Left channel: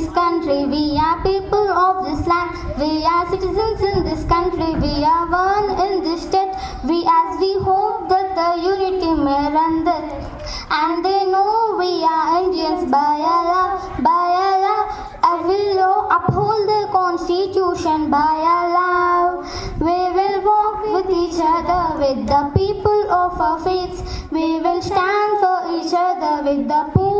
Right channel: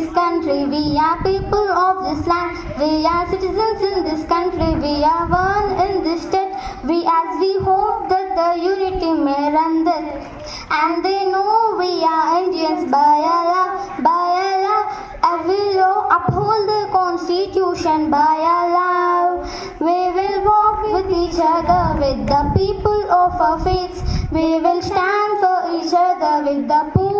this country. We are people of this land. We are citizens in this country. We are one in this state. We hope that the unity may run this. And they know we are Indians by Allah, by Allah. And we will uphold the constitution by Allah. We will walk with each other, with the people of our faiths. We will stand for each other with the poor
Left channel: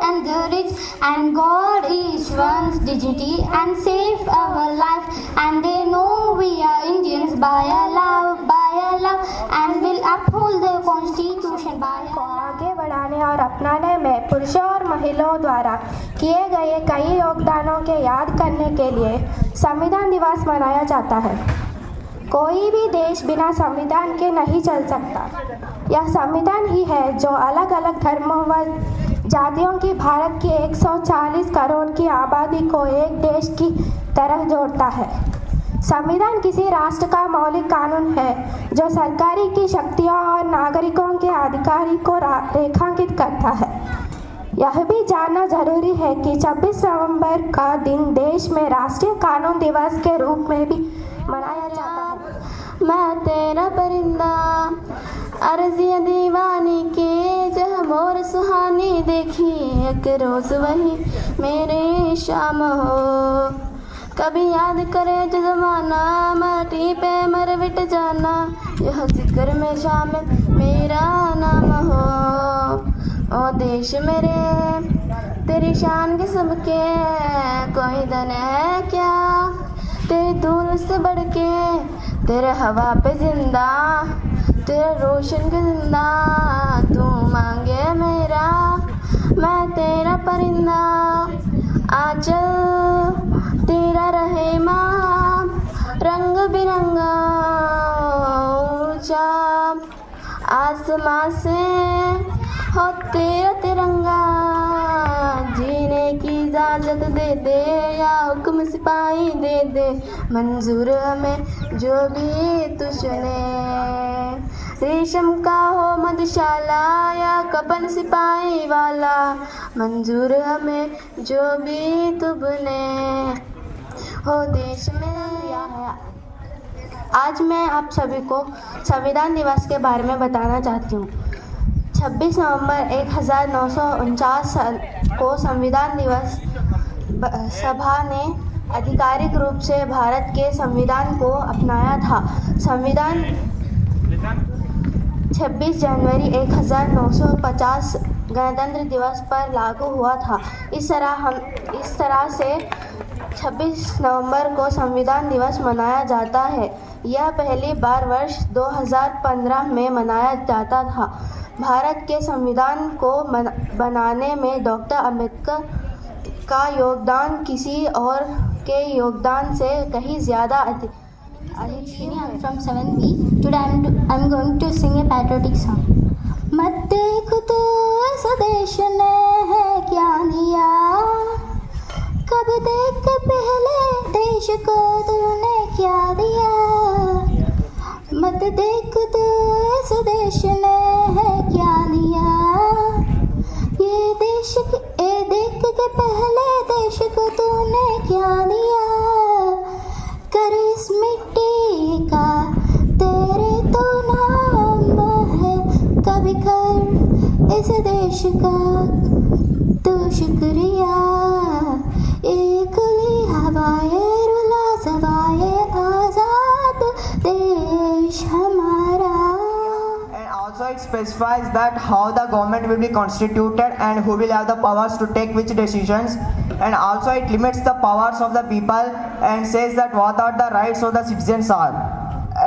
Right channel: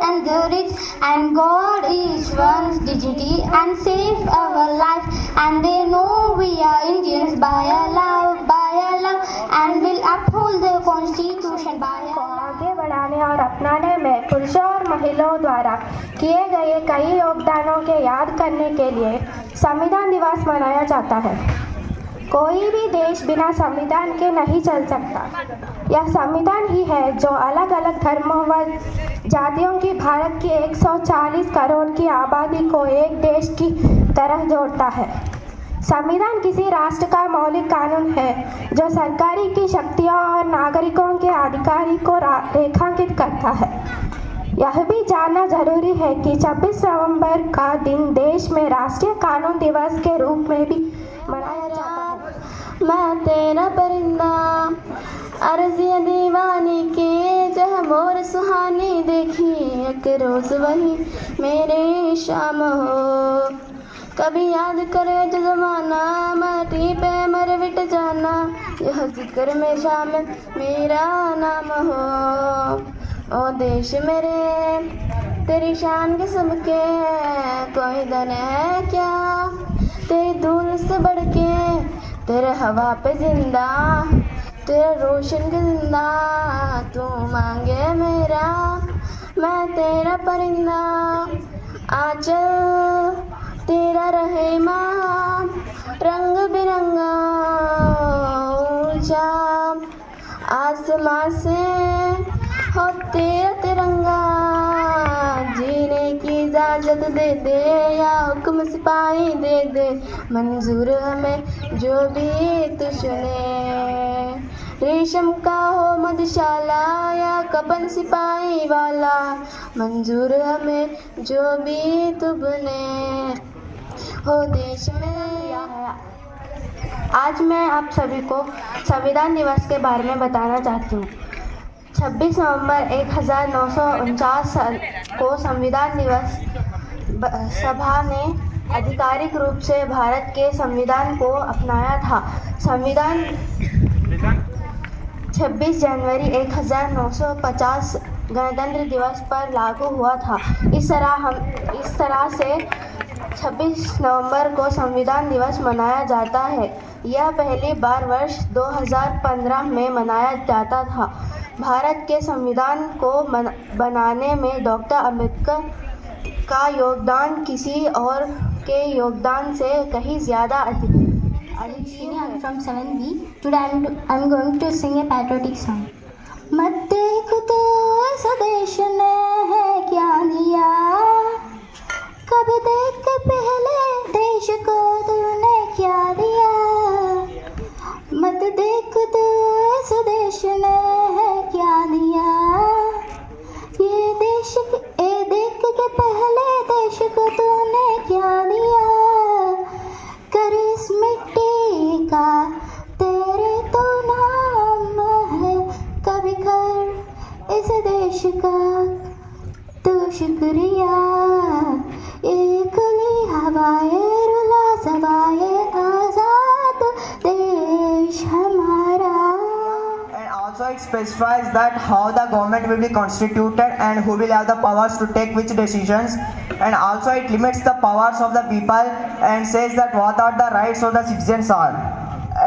and the rich, and God is one's dignity and save our life. And they know we are Indians by Allah, and will uphold the constitution by को Allah. आगे बढ़ाने और अपनाने में पुरुषों और महिलाओं द्वारा किए गए कई योगदानों के याद करने के लिए संविधान दिवस मनाया जाता है। कोई भी देश बिना संविधान के नहीं चल सकता। यह संविधान ही है जो अलग अलग धर्मों व जातियों की भारत की 140 करोड़ की आबादी को एक देश की तरह जोड़ता है। संविधान किसी राष्ट्र का मौलिक कानून है जो सरकारी की शक्तियों और नागरिकों के अधिकार को रेखांकित करता है। यह भी जानना जरूरी है कि 26 नवंबर का दिन देश में राष्ट्रीय कानून दिवस के रूप में भी मनाया जाता है। मैं तेरा परिंदा अर्ज़िया दीवानी के जह मोर सुहानी देखी एक रोज वही मेरे शाम हो। कभी याद करे जो जमाना माटी पे मर मिट जाना, यह जिक्र में शामिल मेरा नाम हो। ओ देश मेरे तेरी शान किस्म के कोई दन है क्या, तेरी धूल से बढ़ के तेरे हवा पे जिंदा, तेरे रोशन के जिंदा तू मांगे मेरा। मैं तेरा परिंदा आंचल तेरा रहे माँ, रंग बिरंगा ऊंचा आसमां से हो तेरा तिरंगा। जीने की इजाजत दे दे या हुक्म सिपाही दे दे, मंजूर हमें जो भी तू चुने। रेशम का हो मधुशाला या कपन सिपाही वाला, मंजूर हमें जो भी तू बुने। हो देश में आज मैं आप सभी को संविधान दिवस के बारे में बताना चाहती हूँ। 26 नवंबर 1949 को संविधान दिवस सभा ने आधिकारिक रूप से भारत के संविधान को अपनाया था। संविधान 26 जनवरी 1950 गणतंत्र दिवस पर लागू हुआ था। इस तरह से 26 नवंबर को संविधान दिवस मनाया जाता है। यह पहली बार वर्ष 2015 में मनाया जाता था। भारत के संविधान को बनाने में डॉक्टर अम्बेडकर का योगदान किसी और के योगदान से कहीं ज़्यादा अधिक है। I'm from 7B. Today I'm going to sing a patriotic song. मत देख तो स्वदेश ने है क्या दिया, कब देख के पहले देश को तूने क्या दिया। मत देख तो स्वदेश ने है क्या दिया, ये देख के पहले देश को तूने क्या दिया। कर इस मिट्टी का तेरे तो नाम है, कभी कर इस देश का तो शुक्रिया। ये खुली हवाए रुला सदाए आजाद देश हमारा। And also it specifies that how the government will be constituted and who will have the powers to take which decisions, and also it limits the powers of the people and says that what are the rights of the citizens are,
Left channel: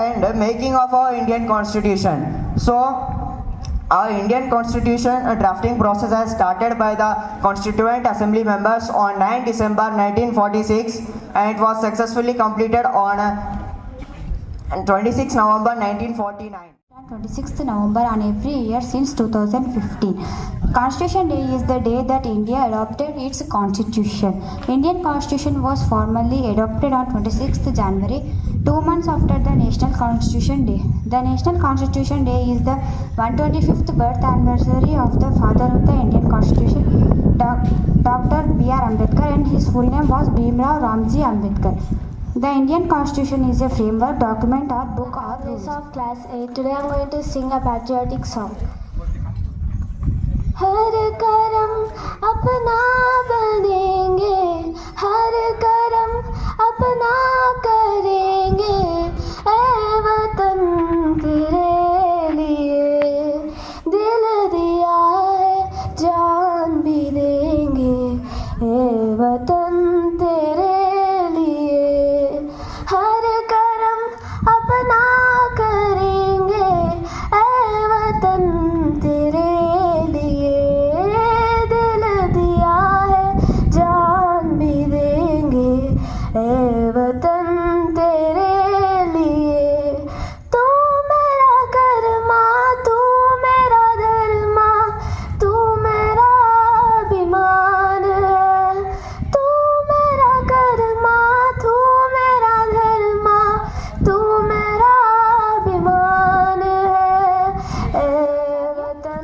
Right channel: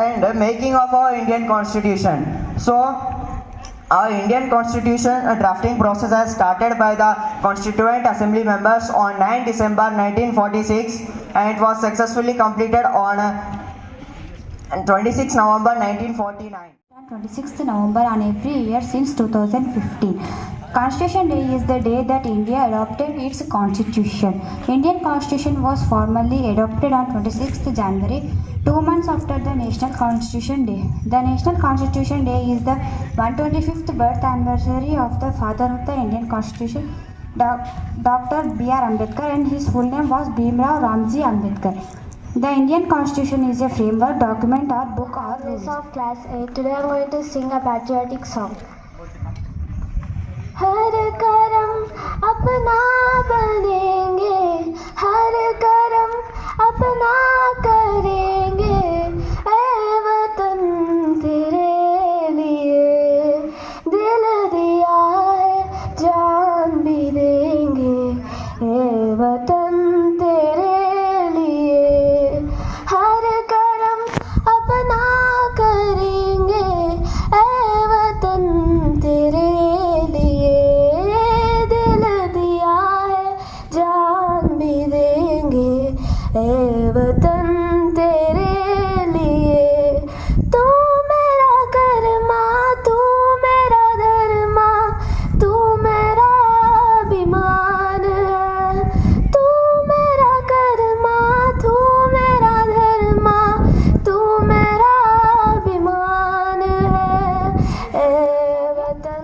and making of our Indian constitution. So our Indian constitution drafting process has started by the Constituent Assembly members on 9 December 1946 and it was successfully completed on 26 November 1949. 26th November on every year since 2015. Constitution Day is the day that India adopted its constitution. Indian constitution was formally adopted on 26th January, 2 months after the National Constitution Day. The National Constitution Day is the 125th birth anniversary of the father of the Indian Constitution, Dr. B.R. Ambedkar, and his full name was Bhimrao Ramji Ambedkar. The Indian Constitution is a framework document or book or rules. Of class 8. Today I am going to sing a patriotic song. हर करम अपना बनेंगे, हर करम अपना करेंगे, ऐ वतन तेरे लिए दिल दिया है, जान भी देंगे, ऐ वतन तेरे लिए हर करम अपना करेंगे, ऐ वतन तेरे वतन तेरे लिए। तू मेरा कर्मा, तू मेरा धर्मा, तू मेरा अभिमान है। तू मेरा कर्मा, तू मेरा धर्मा, तू मेरा अभिमान है।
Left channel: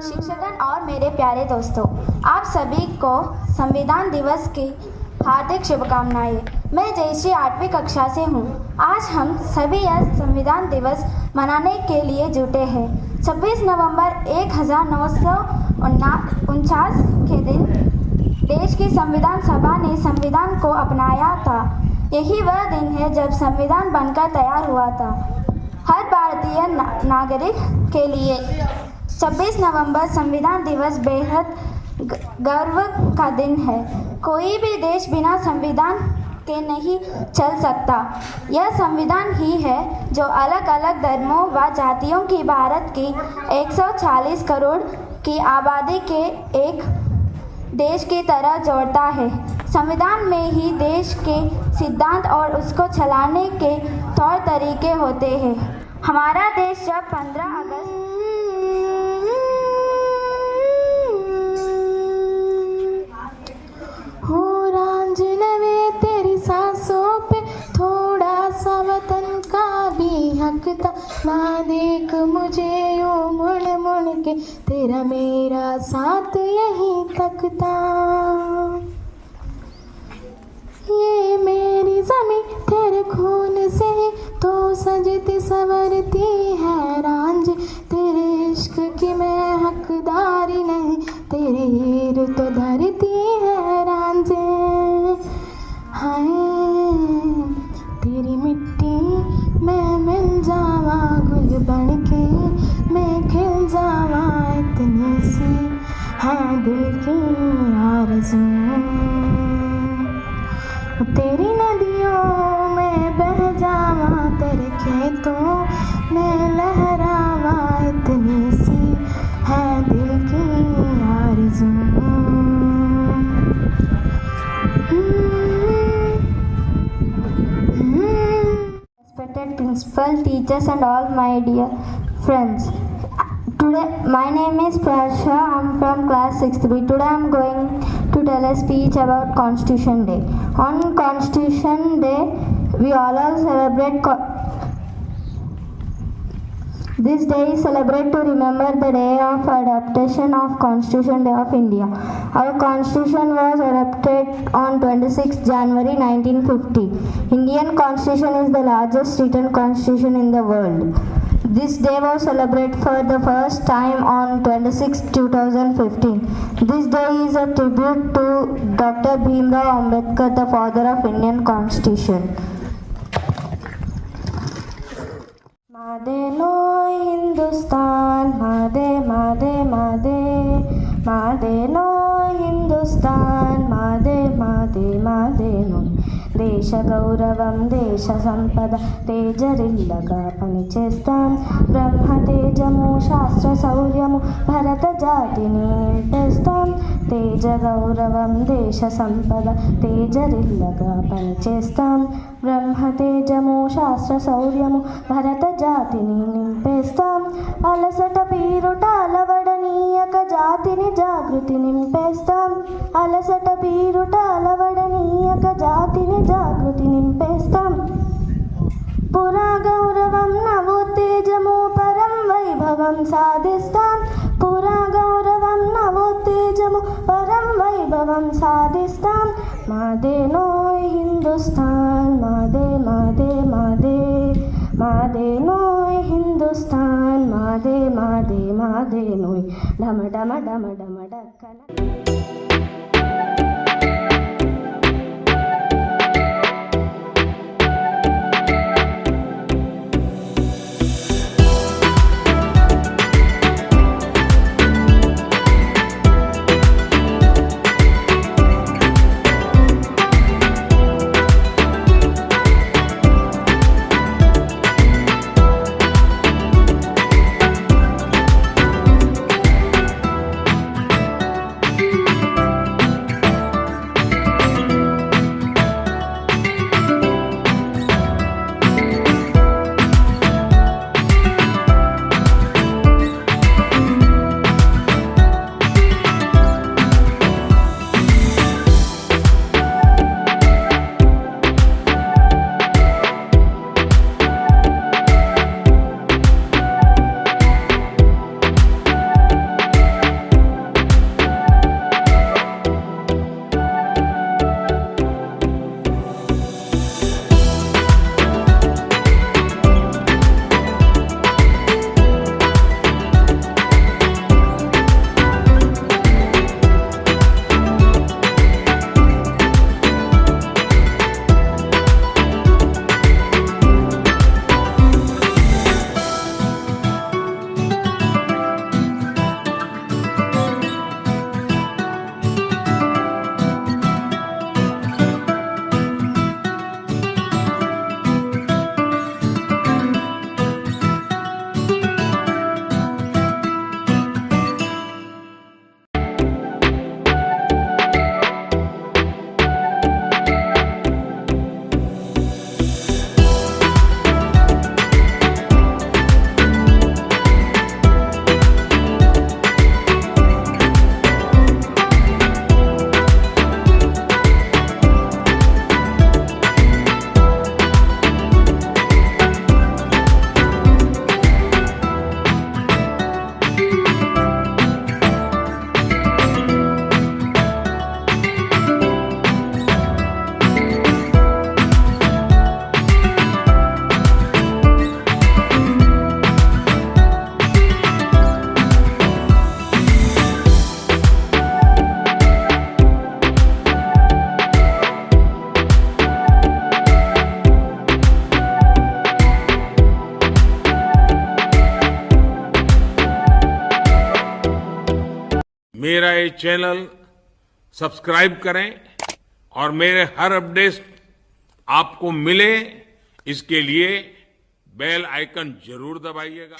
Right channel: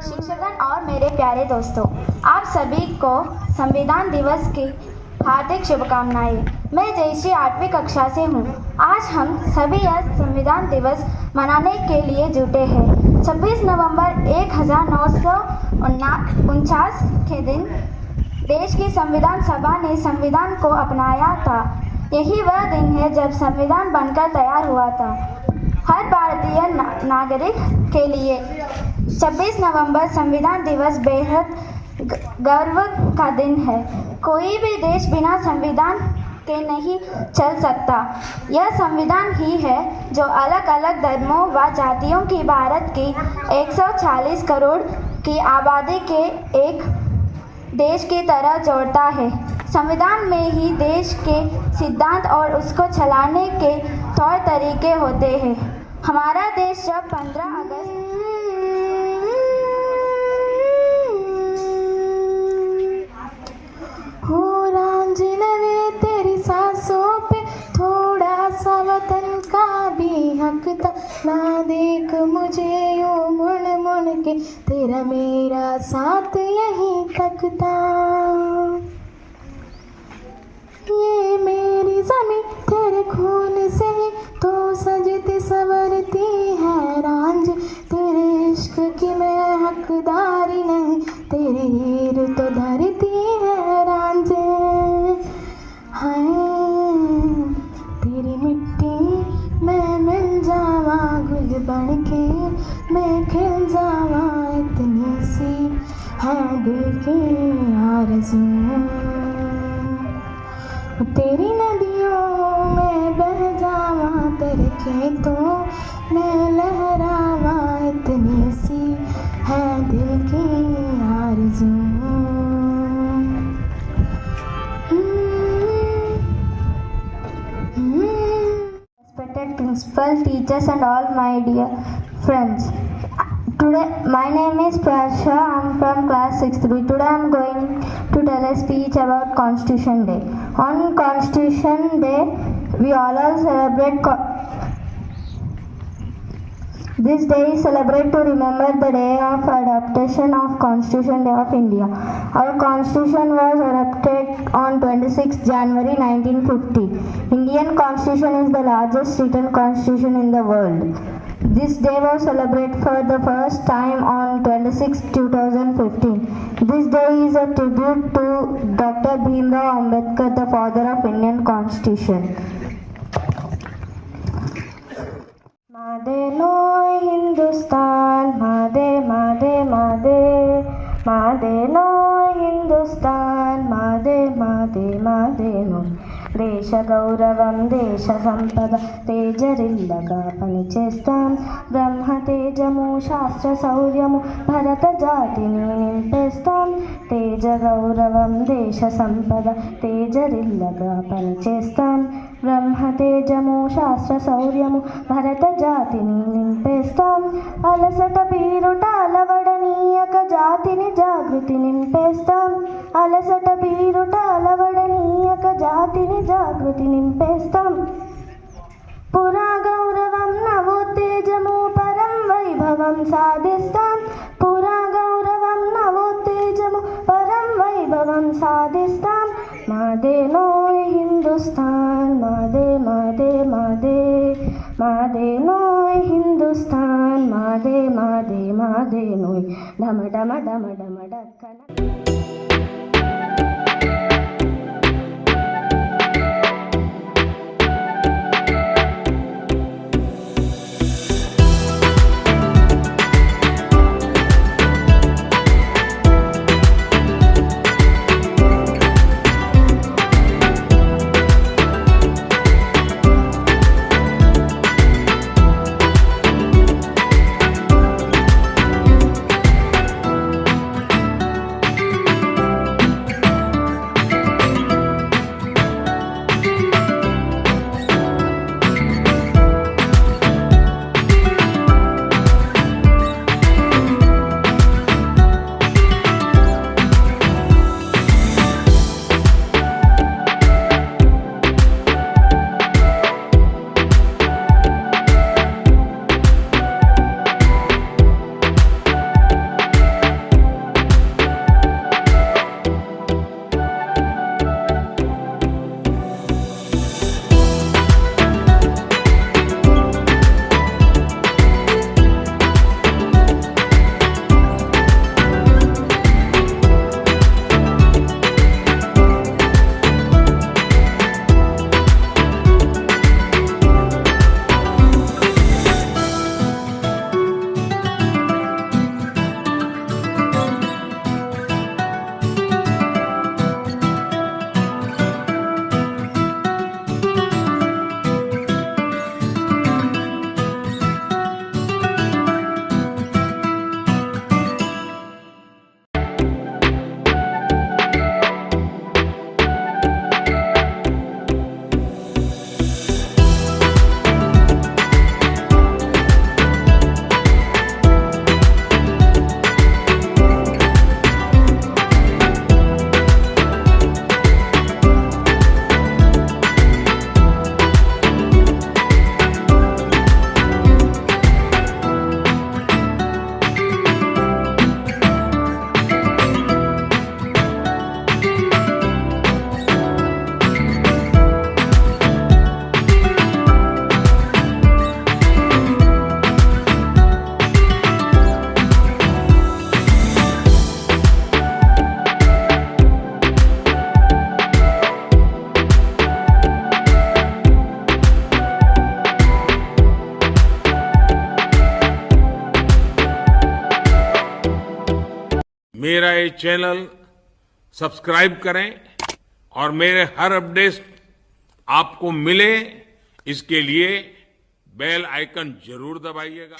शिक्षकगण और मेरे प्यारे दोस्तों, आप सभी को संविधान दिवस की हार्दिक शुभकामनाएं। मैं जयश्री 8वीं कक्षा से हूँ। आज हम सभी यह संविधान दिवस मनाने के लिए जुटे हैं। 26 नवंबर 1949 के दिन देश की संविधान सभा ने संविधान को अपनाया था। यही वह दिन है जब संविधान बनकर तैयार हुआ था। हर भारतीय नागरिक के लिए 26 नवंबर संविधान दिवस बेहद गर्व का दिन है। कोई भी देश बिना संविधान के नहीं चल सकता। यह संविधान ही है जो अलग अलग धर्मों व जातियों की भारत की 140 करोड़ की आबादी के एक देश की तरह जोड़ता है। संविधान में ही देश के सिद्धांत और उसको चलाने के तौर तरीके होते हैं। हमारा देश जब 15 अगस्त सांसों पे थोड़ा सा वतन का भी हक था। ना देख मुझे यूं मुड़ मुड़ के, तेरा मेरा साथ यहीं तक था। ये मेरी ज़मीं तेरे खून से तो सजती संवरती है रांझ। तेरे इश्क की मैं हकदारी नहीं, तेरे हीर तो धरती है रांझे। हाय तेरी मिट्टी मैं मिल जावा, गुल बन के मैं खिल जावा, इतनी सी है दिल की आरज़ू। तेरी नदियों में बह जावा, तेरे खेतों में लहरावा, इतनी सी है दिल की आरज़ू। Respected principal, teachers and all my dear friends. Today, my name is Prasha. I am from class 6B. Today I am going to tell a speech about Constitution Day. On Constitution Day, we all celebrate this day is celebrated to remember the day of adoption of Constitution Day of India. Our Constitution was adopted on 26 January 1950. Indian Constitution is the largest written constitution in the world. This day was celebrated for the first time on 26 2015. This day is a tribute to Dr. Bhimrao Ambedkar, the father of Indian Constitution. Madhe no Hindustan, Madhe, Madhe, Madhe, Madhe no Hindustan, Madhe, Madhe, Madhe no. దేశ గౌరవం దేశ సంపద తేజరిల్లగా పనిచేస్తాం. బ్రహ్మ తేజము శాస్త్ర శౌర్యము భరత జాతిని నింపేస్తాం. తేజ గౌరవం దేశ సంపద తేజరిల్లగా పనిచేస్తాం. బ్రహ్మ తేజము శాస్త్ర శౌర్యము భరత జాతిని నింపేస్తాం. అలసట పీరుట అలవడనీయక జాతిని జాగృతి నింపేస్తాం. అలసట పీరుట అలవడనీయక జాతిని జాగృతి నింపేస్తాం. పురా గౌరవం నవోత్తేజము పరం వైభవం సాధిస్తాం. పురా గౌరవం నవోత్తేజము పరం వైభవం విప్లవం సాధిస్తాం. మాదేనోయ్ హిందుస్థాన్, మాదే మాదే మాదే, మాదేనోయ్ హిందుస్థాన్, మాదే మాదే మాదేనోయ్, డమ డమ డమ డమ డక్కన. मेरा ये चैनल सब्सक्राइब करें और मेरे हर अपडेट आपको मिले, इसके लिए बेल आइकन जरूर दबाइएगा।